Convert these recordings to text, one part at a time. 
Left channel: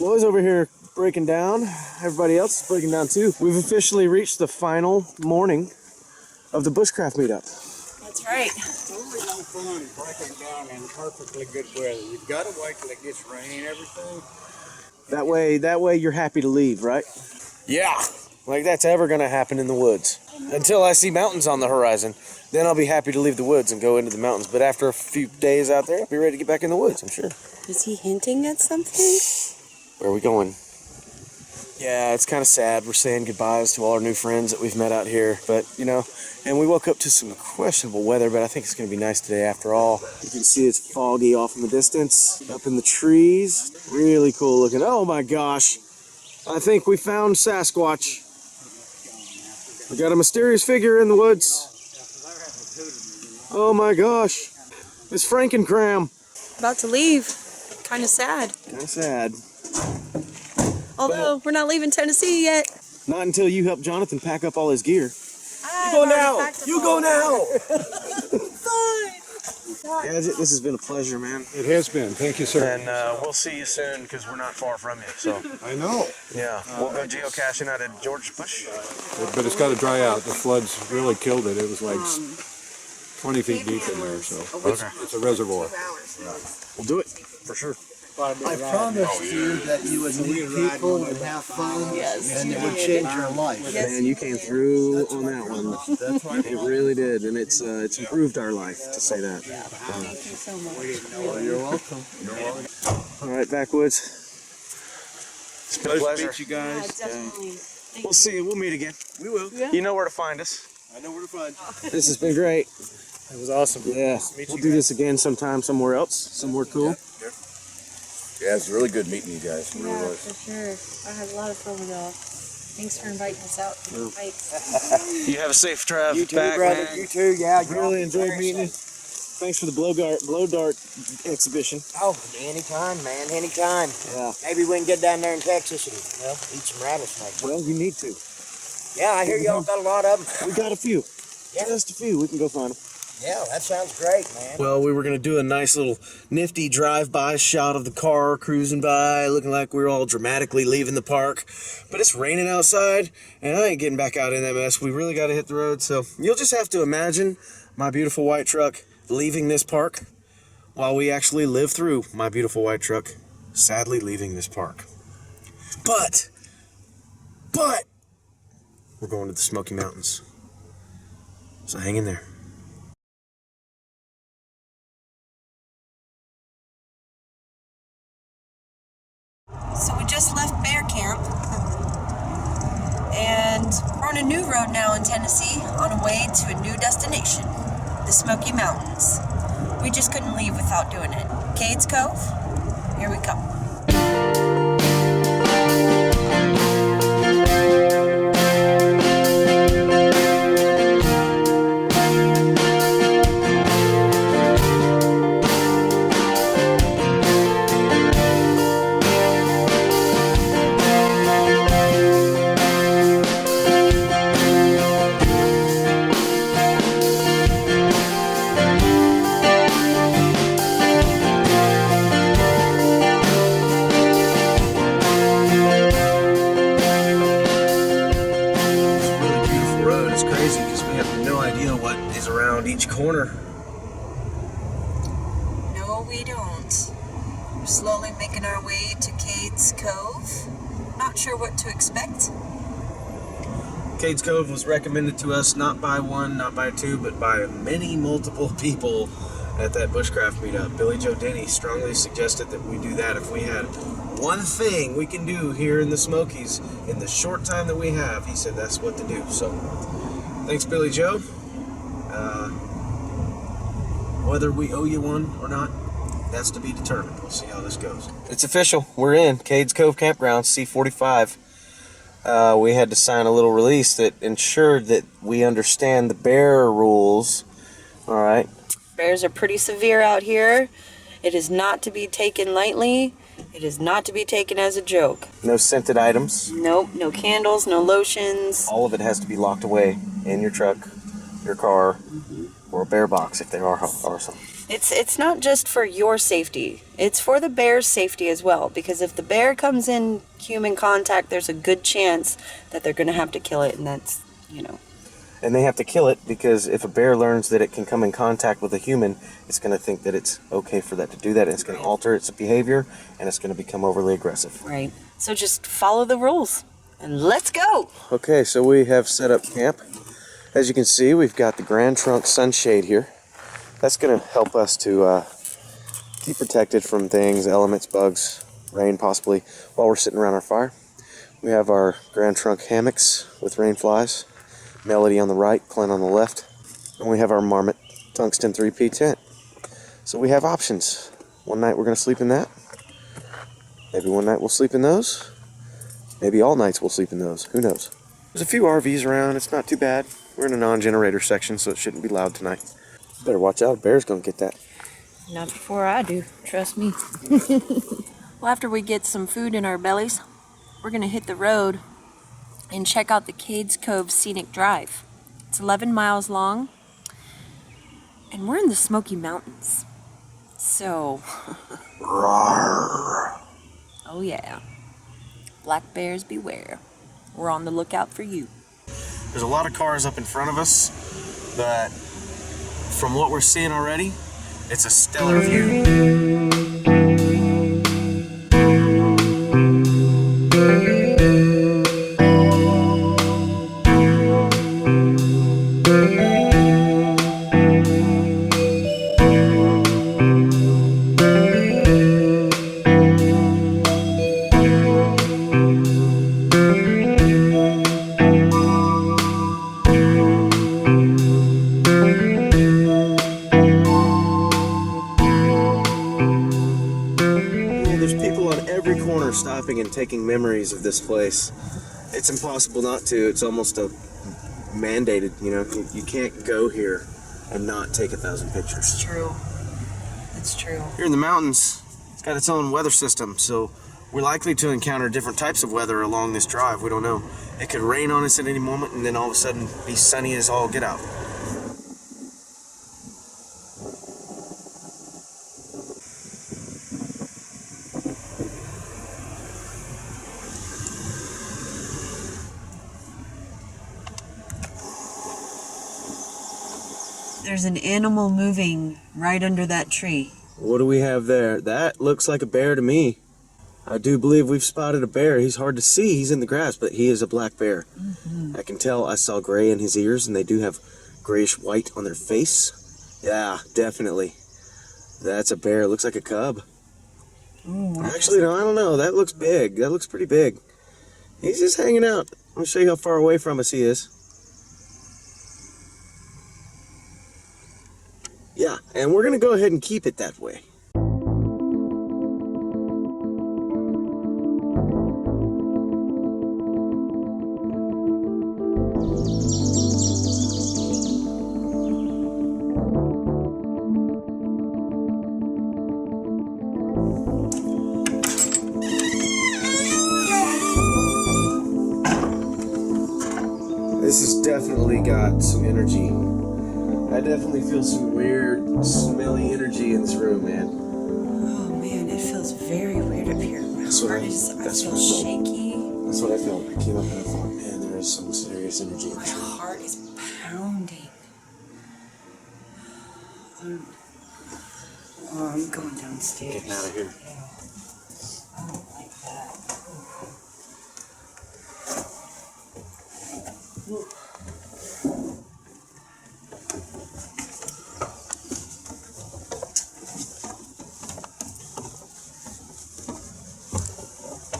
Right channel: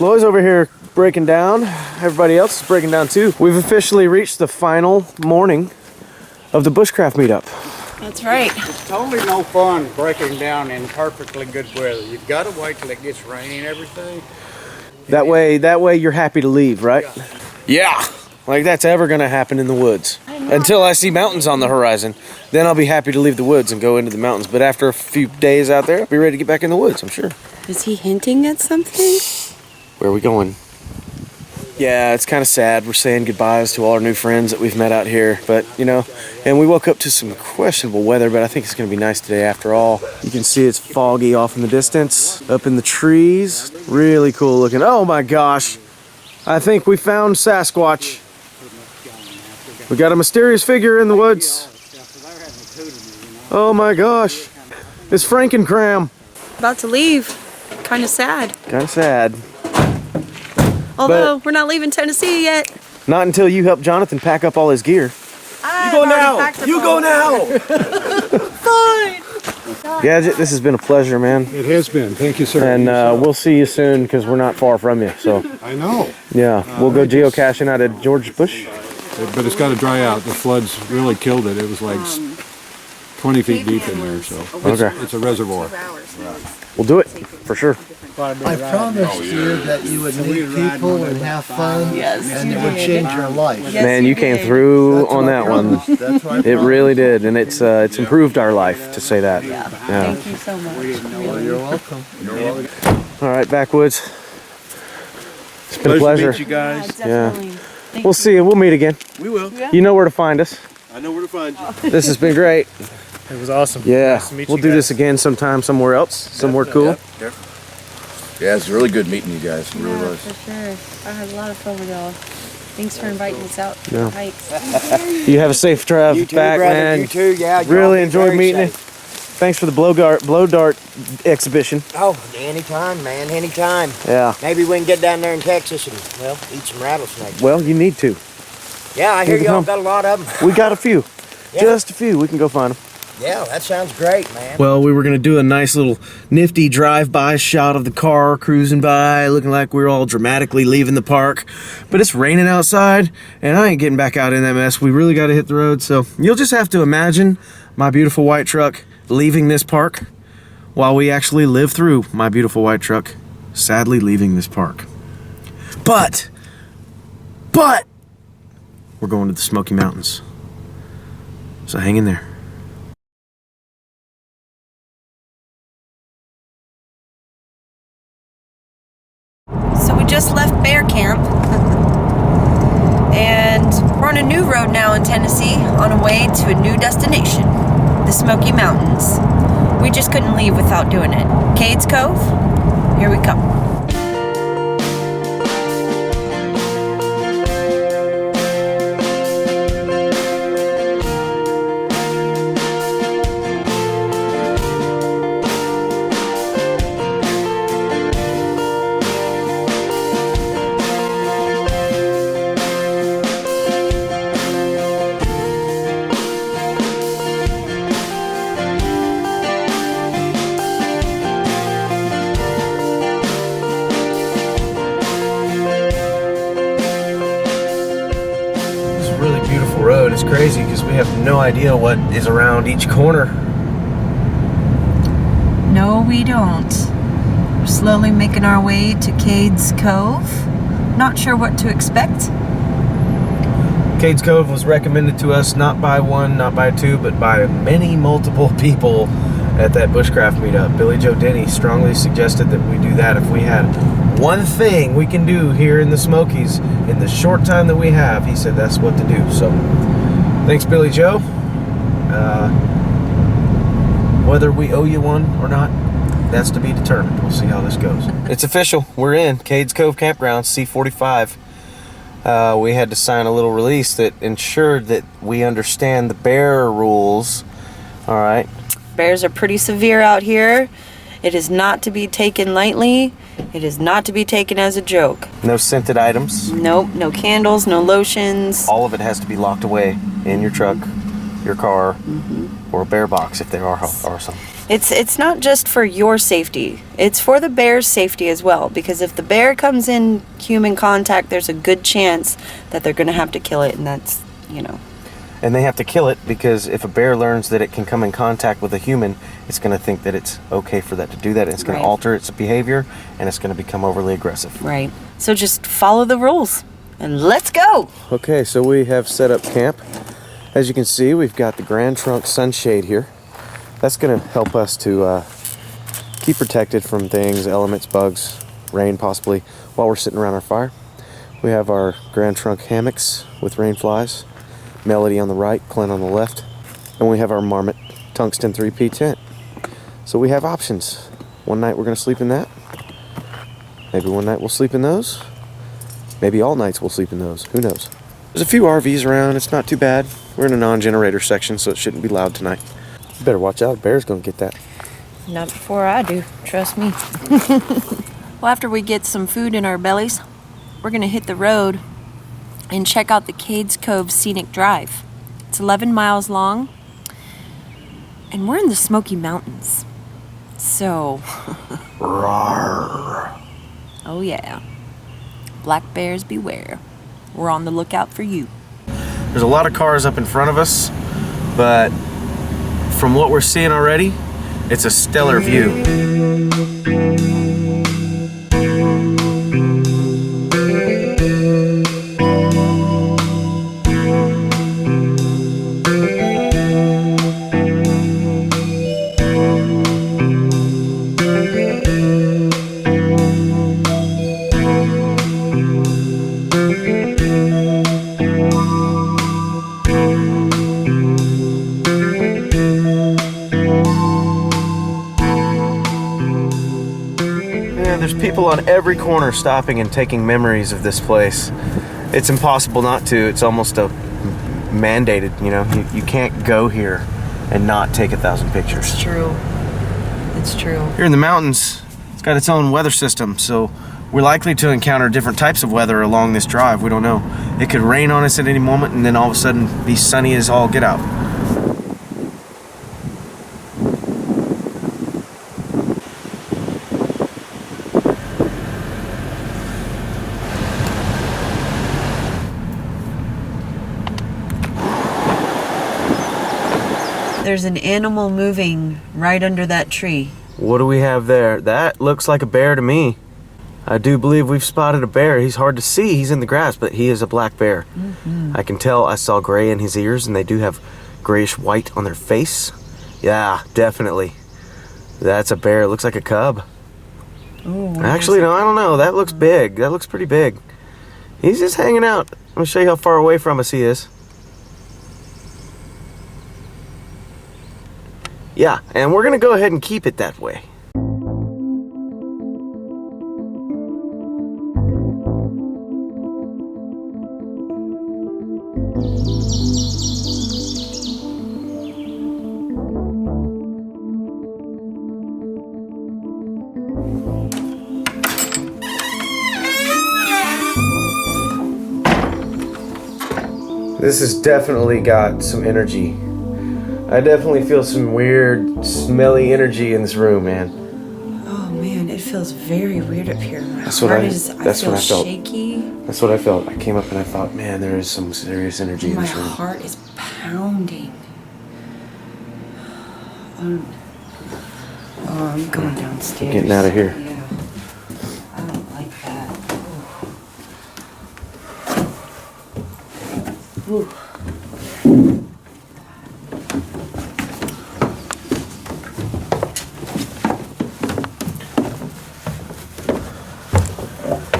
Loy's over here breaking down. Everybody else is breaking down too. We've officially reached the final morning of the Bushcraft Meetup. That's right. It's totally no fun breaking down in perfectly good weather. You've got to wait till it gets rainy and everything. That way you're happy to leave, right? Yeah. Like that's ever gonna happen in the woods. Until I see mountains on the horizon, then I'll be happy to leave the woods and go into the mountains. But after a few days out there, I'll be ready to get back in the woods, I'm sure. Is he hinting at something? Where are we going? Yeah, it's kind of sad. We're saying goodbyes to all our new friends that we've met out here. But, you know, and we woke up to some questionable weather, but I think it's going to be nice today after all. You can see it's foggy off in the distance, up in the trees. Really cool looking. Oh my gosh. I think we found Sasquatch. We got a mysterious figure in the woods. Oh my gosh. It's Frankencram. About to leave. Kind of sad. Kind of sad. Although, we're not leaving Tennessee yet. Not until you help Jonathan pack up all his gear. You go now! You go now! Fine! Gadget, this has been a pleasure, man. It has been. Thank you, sir. And we'll see you soon because we're not far from you. So I know. Yeah, we'll go geocaching out at George Bush. But it's got to dry out. The floods really killed it. It was like 20 feet deep in there, so it's a reservoir. We'll do it, for sure. I promised you that you would meet people and have fun, and it would change your life. Yes, Man, you came through on that one. That's what I It really did, and it's improved our life, to say that. Yeah. Thank you so much. You're welcome. All right, Backwoods. It's been a pleasure. To meet you guys. Yeah. We'll see you. We'll meet again. We will. You know where to find us. I know where to find you. This has been great. It was awesome. Yeah, Nice to meet we'll you do guys. this again sometime, somewhere else, somewhere cool. Yep. Yeah, it's really good meeting you guys. It really was. For sure. I had a lot of fun with y'all. Thanks for inviting us out to the hikes. You have a safe drive You too, back, brother. man. You too, yeah. Really enjoyed meeting you. Thanks for the blow dart exhibition. Oh, anytime, man, anytime. Yeah. Maybe we can get down there in Texas and, well, eat some rattlesnakes. Well, you need to. Yeah, I hear can y'all come. got a lot of them. We got a few. Yeah. Just a few. We can go find them. Yeah, that sounds great, man. Well, we were going to do a nice little nifty drive-by shot of the car cruising by, looking like we're all dramatically leaving the park. But it's raining outside, and I ain't getting back out in that mess. We really got to hit the road. So you'll just have to imagine my beautiful white truck leaving this park while we actually live through my beautiful white truck sadly leaving this park. But we're going to the Smoky Mountains. So hang in there. So we just left bear camp. And we're on a new road now in Tennessee on our way to a new destination, the Smoky Mountains. We just couldn't leave without doing it. Cades Cove, here we come. It's crazy because we have no idea what is around each corner. No, we don't. We're slowly making our way to Cades Cove. Not sure what to expect. Cades Cove was recommended to us not by one, not by two, but by many multiple people at that Bushcraft meetup. Billy Joe Denny strongly suggested that we do that if we had one thing we can do here in the Smokies in the short time that we have. He said that's what to do. So thanks, Billy Joe. Whether we owe you one or not, that's to be determined. We'll see how this goes. It's official. We're in Cades Cove Campground, C45. We had to sign a little release that ensured that we understand the bear rules. All right. Bears are pretty severe out here. It is not to be taken lightly. It is not to be taken as a joke. No scented items. Nope, no candles, no lotions. All of it has to be locked away in your truck. your car, or a bear box if there are some. It's not just for your safety. It's for the bear's safety as well, because if the bear comes in human contact, there's a good chance that they're going to have to kill it, and that's, you know. And they have to kill it because if a bear learns that it can come in contact with a human, it's going to think that it's okay for that to do that. It's going to alter its behavior, and it's going to become overly aggressive. Right. So just follow the rules, and let's go! Okay, so we have set up camp. As you can see, we've got the Grand Trunk sunshade here. That's going to help us to keep protected from things, elements, bugs, rain possibly, while we're sitting around the fire. We have our Grand Trunk hammocks with rain flies. Melody on the right, Clint on the left. And we have our Marmot tungsten 3P tent. So we have options. One night we're going to sleep in that. Maybe one night we'll sleep in those. Maybe all nights we'll sleep in those. Who knows? There's a few RVs around. It's not too bad. We're in a non-generator section, so it shouldn't be loud tonight. You better watch out. Bear's going to get that. Not before I do. Trust me. Well, after we get some food in our bellies, we're going to hit the road and check out the Cades Cove Scenic Drive. It's 11 miles long, and we're in the Smoky Mountains. So, oh yeah, black bears beware. We're on the lookout for you. There's a lot of cars up in front of us, but from what we're seeing already, it's a stellar view. Stopping and taking memories of this place. It's impossible not to. It's almost mandated, you know. You can't go here and not take 1,000 pictures. It's true. It's true. Here in the mountains, it's got its own weather system, so we're likely to encounter different types of weather along this drive. We don't know. It could rain on us at any moment and then all of a sudden be sunny as all get out. There's an animal moving right under that tree. What do we have there? That looks like a bear to me. I do believe we've spotted a bear. He's hard to see. He's in the grass, but he is a black bear. I can tell. I saw gray in his ears, and they do have grayish white on their face. Yeah, definitely. That's a bear. It looks like a cub. Ooh, actually, no, I don't know. That looks big. That looks pretty big. He's just hanging out. Let me show you how far away from us he is. Yeah, and we're gonna go ahead and keep it that way. This has definitely got some energy. I definitely feel some weird, smelly energy in this room, man. Oh man, it feels very weird up here. My That's what heart I- is, that's I what feel I felt. shaky. That's what I felt. I came up and I thought, man, there is some serious energy in My this room. heart is pounding. Oh, I'm going downstairs. Getting out of here. Yeah. I don't like that. Ooh.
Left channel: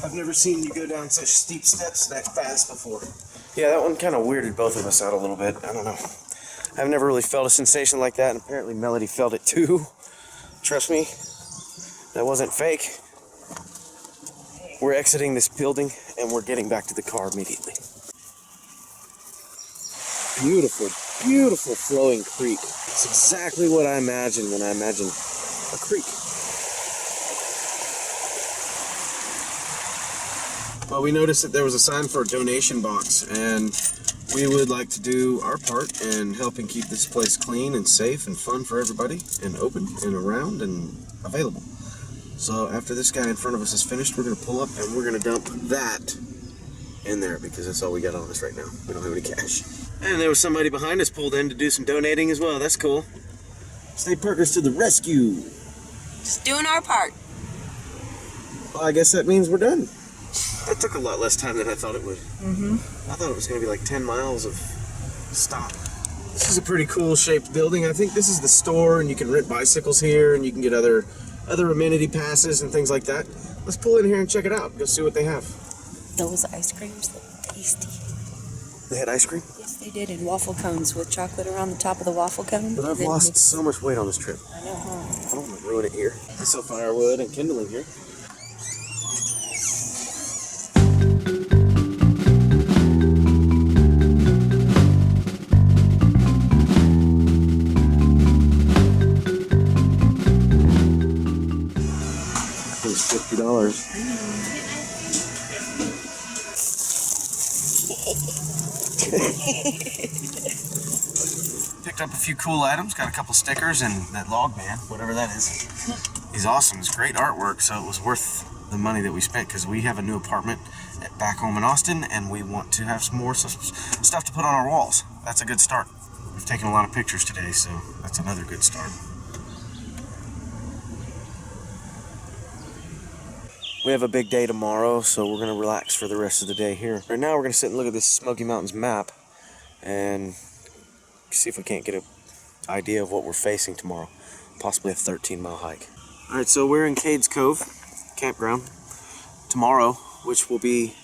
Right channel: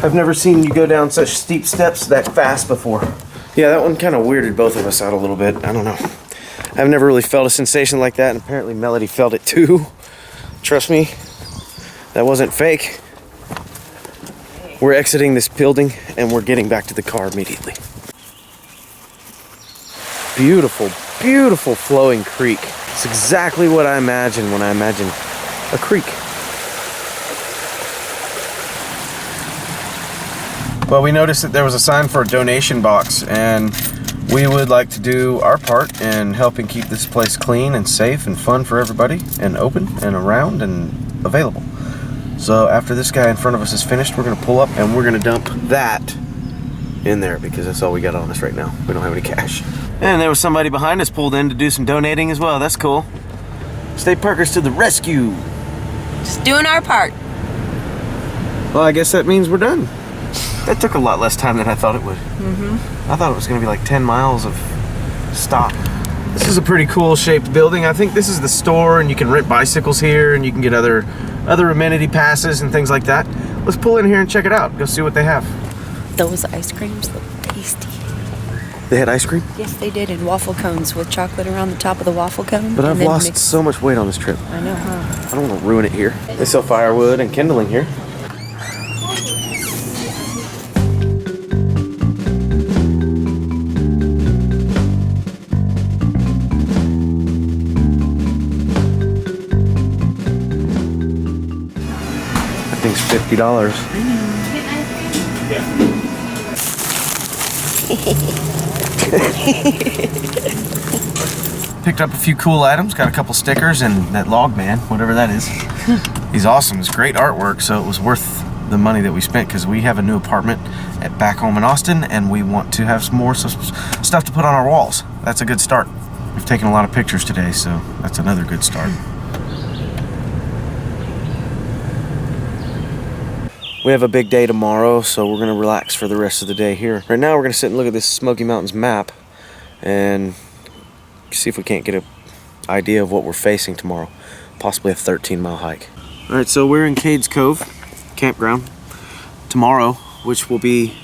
I've never seen you go down such steep steps that fast before. Yeah, that one kind of weirded both of us out a little bit. I don't know. I've never really felt a sensation like that, and apparently Melody felt it too. Trust me, that wasn't fake. We're exiting this building, and we're getting back to the car immediately. Beautiful, beautiful flowing creek. It's exactly what I imagine when I imagine a creek. Well, we noticed that there was a sign for a donation box, and We would like to do our part in helping keep this place clean and safe and fun for everybody, and open and around and available. So after this guy in front of us is finished, we're gonna pull up and we're gonna dump that in there because that's all we got on us right now. We don't have any cash. And there was somebody behind us pulled in to do some donating as well. That's cool. State Parkers to the rescue. Just doing our part. Well, I guess that means we're done. That took a lot less time than I thought it would. I thought it was gonna be like 10 miles of stop. This is a pretty cool shaped building. I think this is the store, and you can rent bicycles here, and you can get other amenity passes and things like that. Let's pull in here and check it out. Go see what they have. Those ice creams look tasty. They had ice cream? Yes, they did, in waffle cones with chocolate around the top of the waffle cone. But I've and then lost mixed- so much weight on this trip. I know, huh? I don't want to ruin it here. They sell firewood and kindling here. That thing's $50. Picked up a few cool items, got a couple stickers, and that log man, whatever that is. He's awesome. It's great artwork, so it was worth the money that we spent because we have a new apartment back home in Austin, and we want to have some more stuff to put on our walls. That's a good start. We've taken a lot of pictures today, so that's another good start. We have a big day tomorrow, so we're going to relax for the rest of the day here. Right now, we're going to sit and look at this Smoky Mountains map and see if we can't get an idea of what we're facing tomorrow. Possibly a 13-mile hike. All right, so we're in Cades Cove campground tomorrow, which will be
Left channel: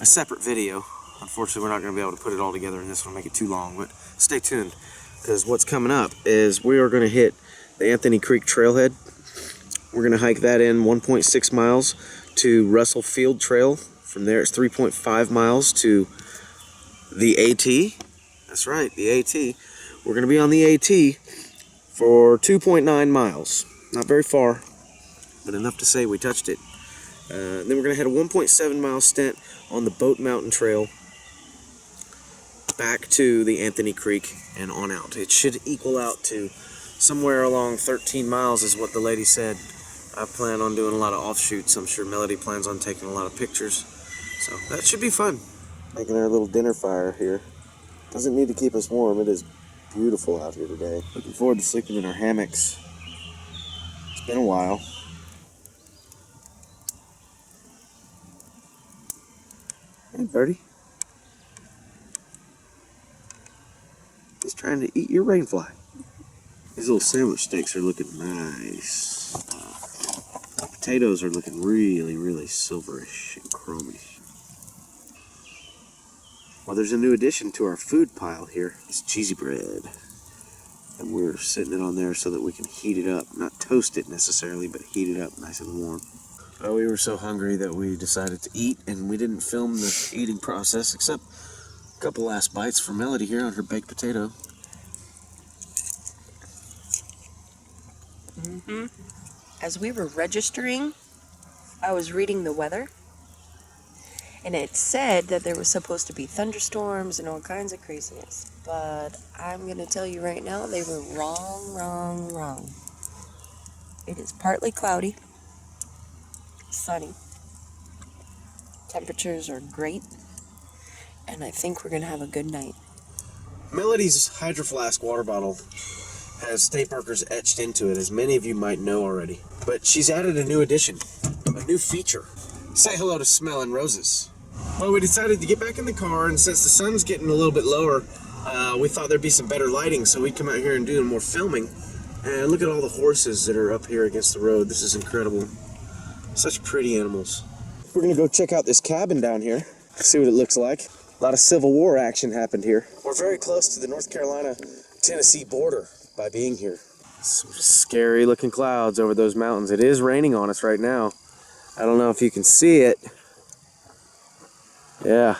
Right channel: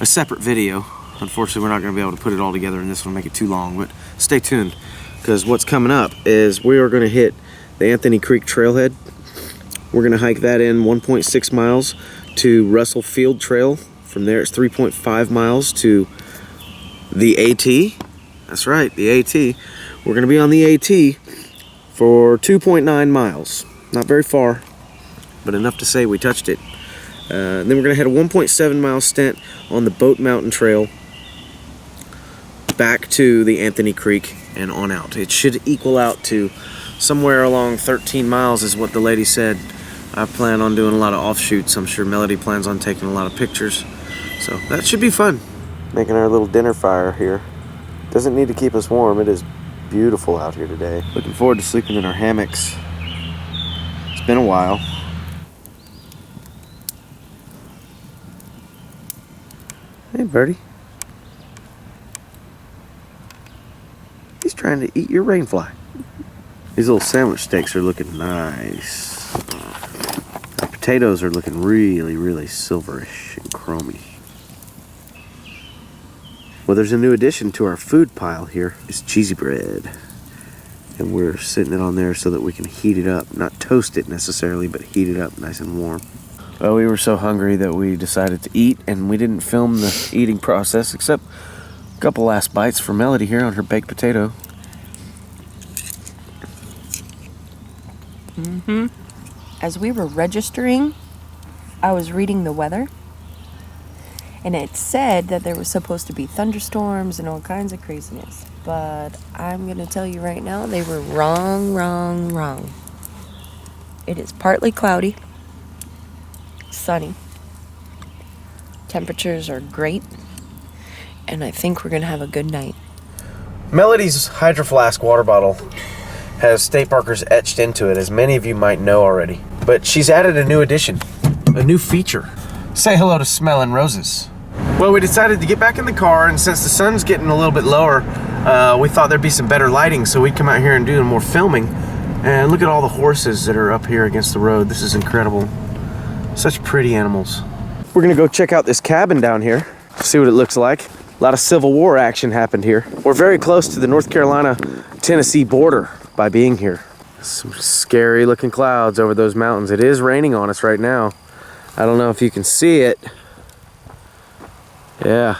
a separate video. Unfortunately, we're not going to be able to put it all together in this one, make it too long, but stay tuned, because what's coming up is we are going to hit the Anthony Creek Trailhead. We're going to hike that in 1.6 miles to Russell Field Trail. From there, it's 3.5 miles to the AT. That's right, the AT. We're going to be on the AT for 2.9 miles. Not very far, but enough to say we touched it. Then we're going to head a 1.7 mile stint on the Boat Mountain Trail back to the Anthony Creek and on out. It should equal out to somewhere along 13 miles is what the lady said. I plan on doing a lot of offshoots. I'm sure Melody plans on taking a lot of pictures. So that should be fun. Making our little dinner fire here. Doesn't need to keep us warm. It is beautiful out here today. Looking forward to sleeping in our hammocks. It's been a while. Hey, birdie. He's trying to eat your rainfly. These little sandwich steaks are looking nice. The potatoes are looking really, really silverish and chromy. Well, there's a new addition to our food pile here. It's cheesy bread. And we're sitting it on there so that we can heat it up. Not toast it necessarily, but heat it up nice and warm. Well, we were so hungry that we decided to eat, and we didn't film the eating process, except a couple last bites for Melody here on her baked potato. As we were registering, I was reading the weather, and it said that there was supposed to be thunderstorms and all kinds of craziness. But I'm going to tell you right now, they were wrong. It is partly cloudy, sunny. Temperatures are great, and I think we're going to have a good night. Melody's Hydro Flask water bottle has State Parkers etched into it, as many of you might know already. But she's added a new addition, a new feature. Say hello to Smelling Roses. Well, we decided to get back in the car, and since the sun's getting a little bit lower, we thought there'd be some better lighting, so we'd come out here and do more filming. And look at all the horses that are up here against the road. This is incredible. Such pretty animals. We're gonna go check out this cabin down here, see what it looks like. A lot of Civil War action happened here. We're very close to the North Carolina-Tennessee border by being here. Some scary looking clouds over those mountains. It is raining on us right now. I don't know if you can see it. Yeah.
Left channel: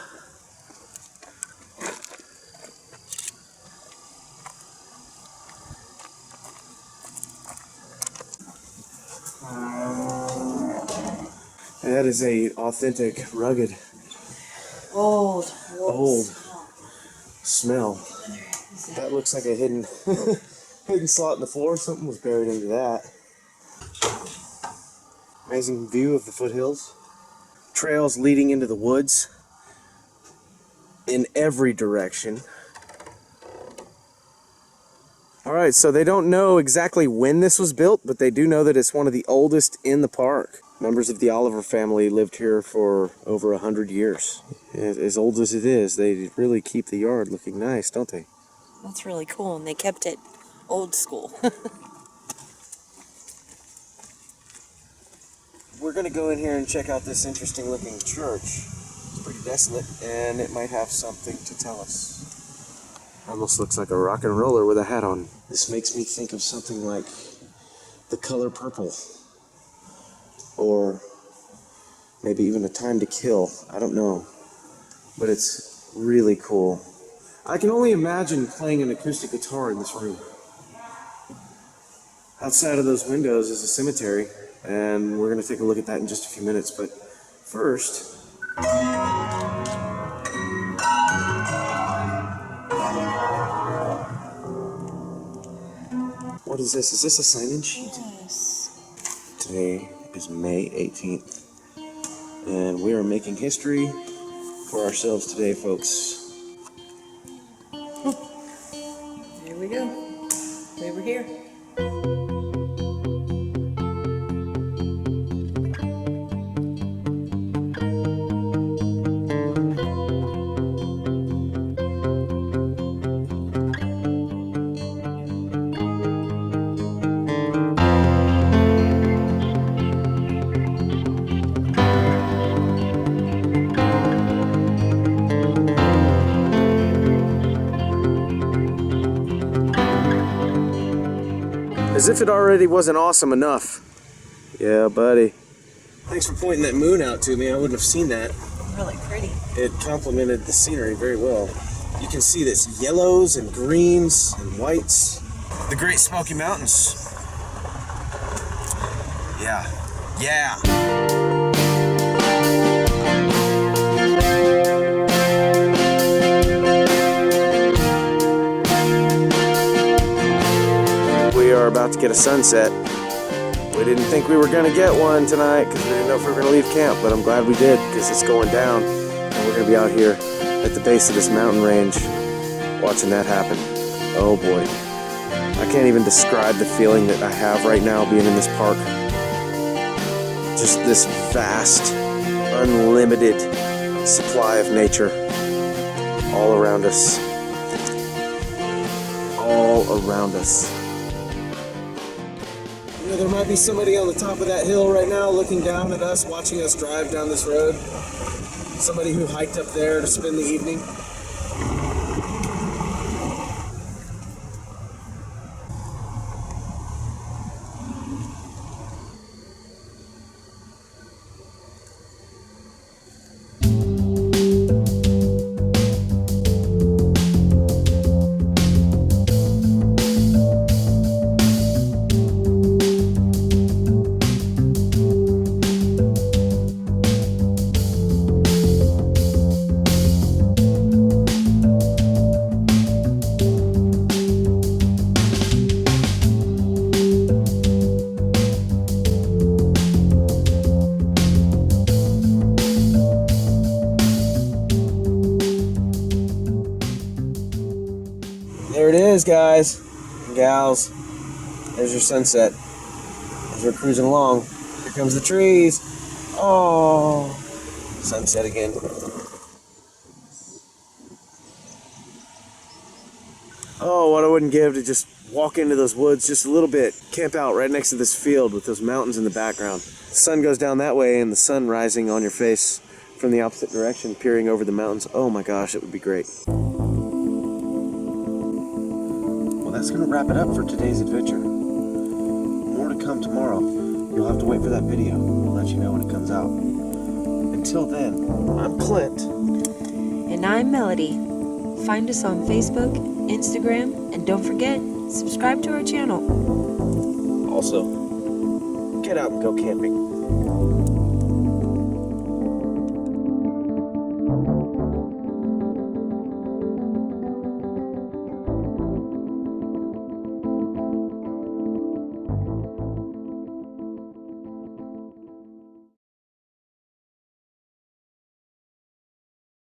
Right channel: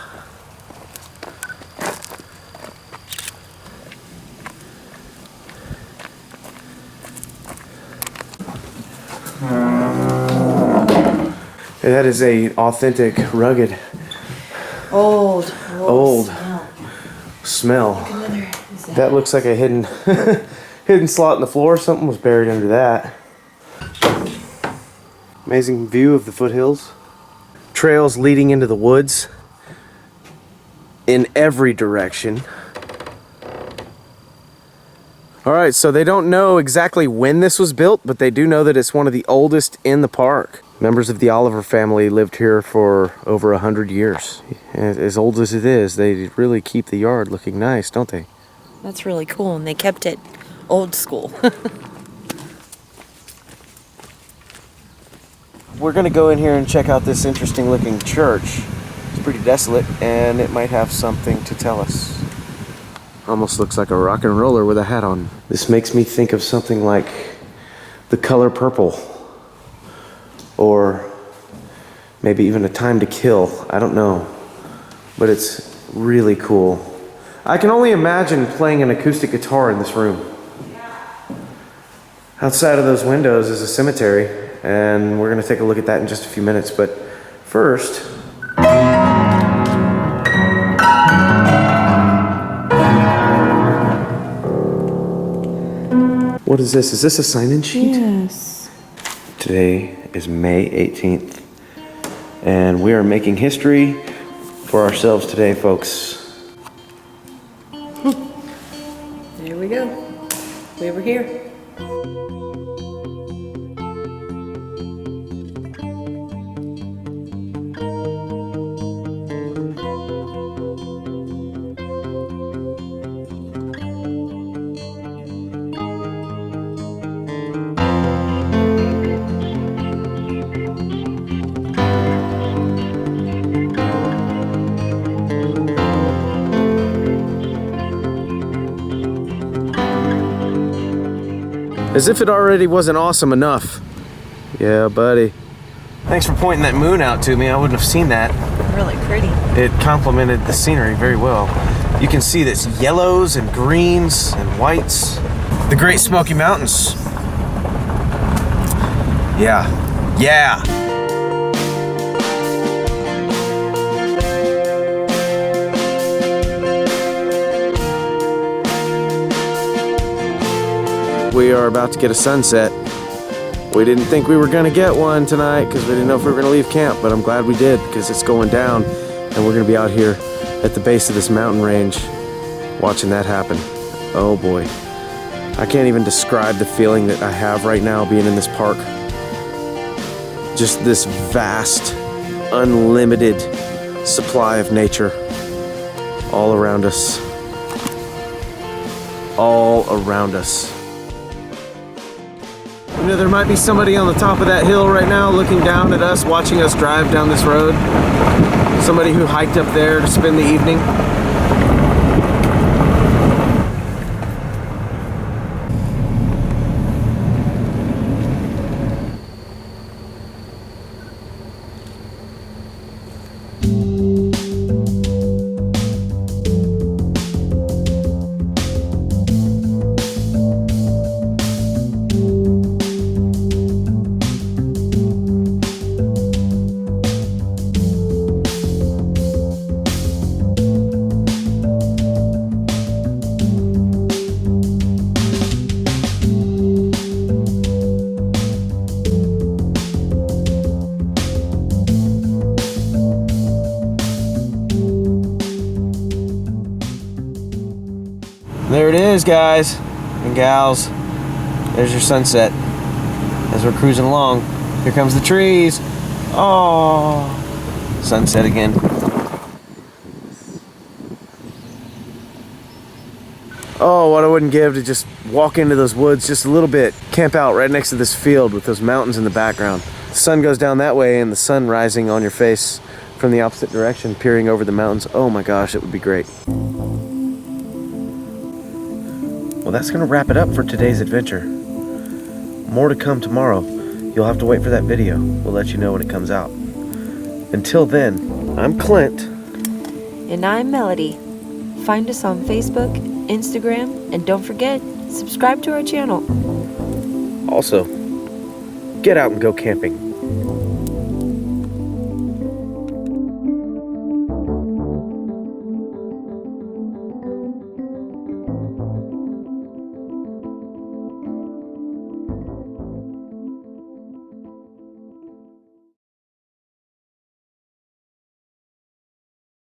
That is a authentic, rugged, Old. old. smell. That looks like a hidden hidden slot in the floor. Something was buried under that. Amazing view of the foothills. Trails leading into the woods in every direction. Alright, so they don't know exactly when this was built, but they do know that it's one of the oldest in the park. Members of the Oliver family lived here for over 100 years. As old as it is, they really keep the yard looking nice, don't they? That's really cool, and they kept it old school. We're gonna go in here and check out this interesting looking church. It's pretty desolate, and it might have something to tell us. Almost looks like a rock and roller with a hat on. This makes me think of something like The Color Purple, or maybe even A Time to Kill. I don't know, but it's really cool. I can only imagine playing an acoustic guitar in this room. Outside of those windows is a cemetery, and we're gonna take a look at that in just a few minutes, but first, what is this? Is this a sign-in sheet? Yes. Today is May 18th, and we are making history for ourselves today, folks. There we go. We were here. As if it already wasn't awesome enough. Yeah, buddy. Thanks for pointing that moon out to me. I wouldn't have seen that. Really pretty. It complemented the scenery very well. You can see this yellows and greens and whites. The Great Smoky Mountains. Yeah. Yeah. Sunset. We didn't think we were gonna get one tonight because we didn't know if we were gonna leave camp, but I'm glad we did because it's going down and we're gonna be out here at the base of this mountain range watching that happen. Oh boy. I can't even describe the feeling that I have right now being in this park. Just this vast, unlimited supply of nature all around us. All around us. You know, there might be somebody on the top of that hill right now looking down at us, watching us drive down this road. Somebody who hiked up there to spend the evening. There it is, guys and gals. There's your sunset as we're cruising along. Here comes the trees. Oh, sunset again. Oh, what I wouldn't give to just walk into those woods just a little bit. Camp out right next to this field with those mountains in the background. The sun goes down that way and the sun rising on your face from the opposite direction, peering over the mountains. Oh my gosh, it would be great. Well, that's going to wrap it up for today's adventure. More to come tomorrow. You'll have to wait for that video. We'll let you know when it comes out. Until then, I'm Clint. And I'm Melody. Find us on Facebook, Instagram, and don't forget, subscribe to our channel. Also, get out and go camping.